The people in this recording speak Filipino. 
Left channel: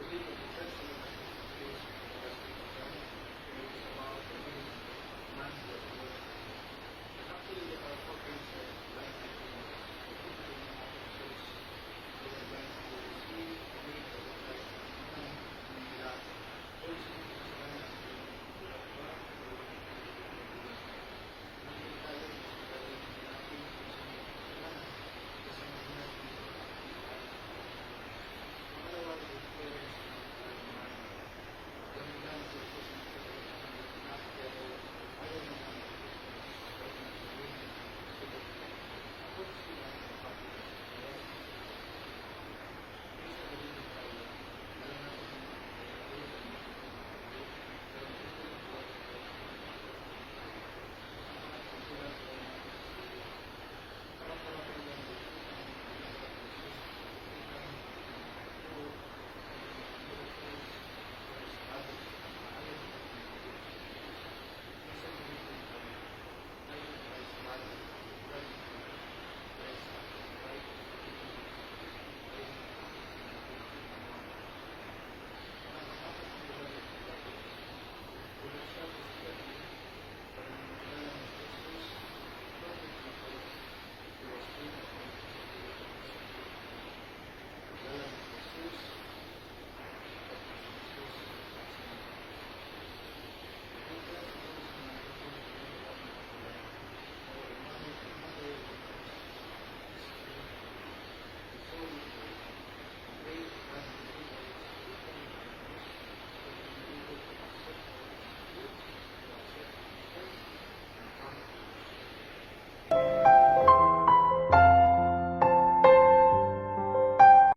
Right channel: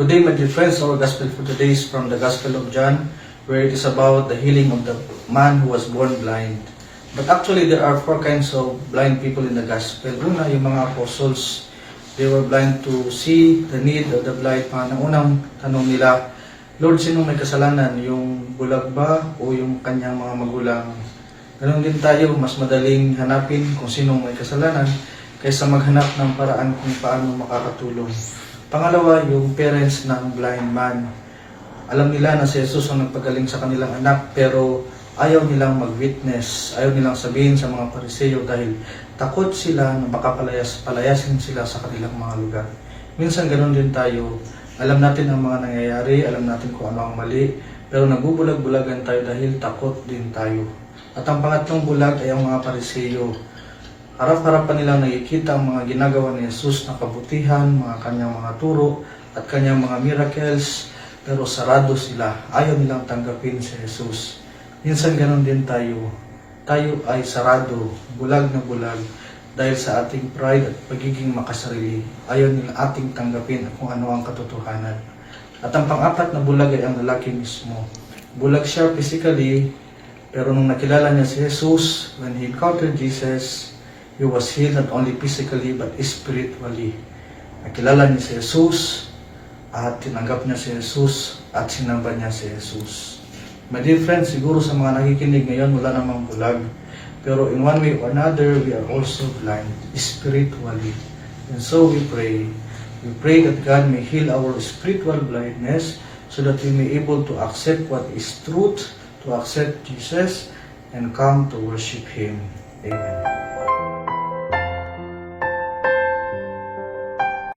Good day, my dear friends. Our gospel for today is from the Gospel of John, where it is about the healing of the man who was born blind. But actually, there are four kinds of blind people in the gospel. Una, yung mga apostles, they were blind to see the need of the blind man. Ang unang tanong nila, Lord, sinong may kasalanan? Yung bulag ba o yung kanyang mga magulang? Ganon din tayo, mas madaling hanapin kung sinong may kasalanan kaysa maghanap ng paraan kung paano makakatulong. Pangalawa, yung parents ng blind man. Alam nila na si Jesus ang nagpagaling sa kanilang anak, pero ayaw nilang mag-witness, ayaw nilang sabihin sa mga Pariseo dahil takot sila na baka palayasin sila sa kanilang mga lugar. Minsan ganoon din tayo, alam natin ang mga nangyayari, alam natin kung ano ang mali, pero nagbubulag-bulagan tayo dahil takot din tayo. At ang pangatlong bulag ay ang mga Pariseo. Harap-harapan nilang nakikita ang mga ginagawa ni Jesus na kabutihan, mga kanyang mga turo at kanyang mga miracles, pero sarado sila. Ayaw nilang tanggapin si Jesus. Minsan ganoon din tayo. Tayo ay sarado, bulag na bulag, dahil sa ating pride at pagiging makasarili. Ayaw nila ating tanggapin kung ano ang katotohanan. At ang pang-apat na bulag ay ang lalaki mismo. Bulag siya physically, pero nung nakilala niya si Jesus, when he encountered Jesus, he was healed not only physically but spiritually. Nakilala niya si Jesus at tinanggap niya si Jesus at sinamba niya si Jesus. My dear friends, siguro sa mga nakikinig ngayon wala namang bulag. Pero in one way or another, we are also blind spiritually. And so we pray. We pray that God may heal our spiritual blindness so that we may able to accept what is truth, to accept Jesus, and come to worship Him. Amen.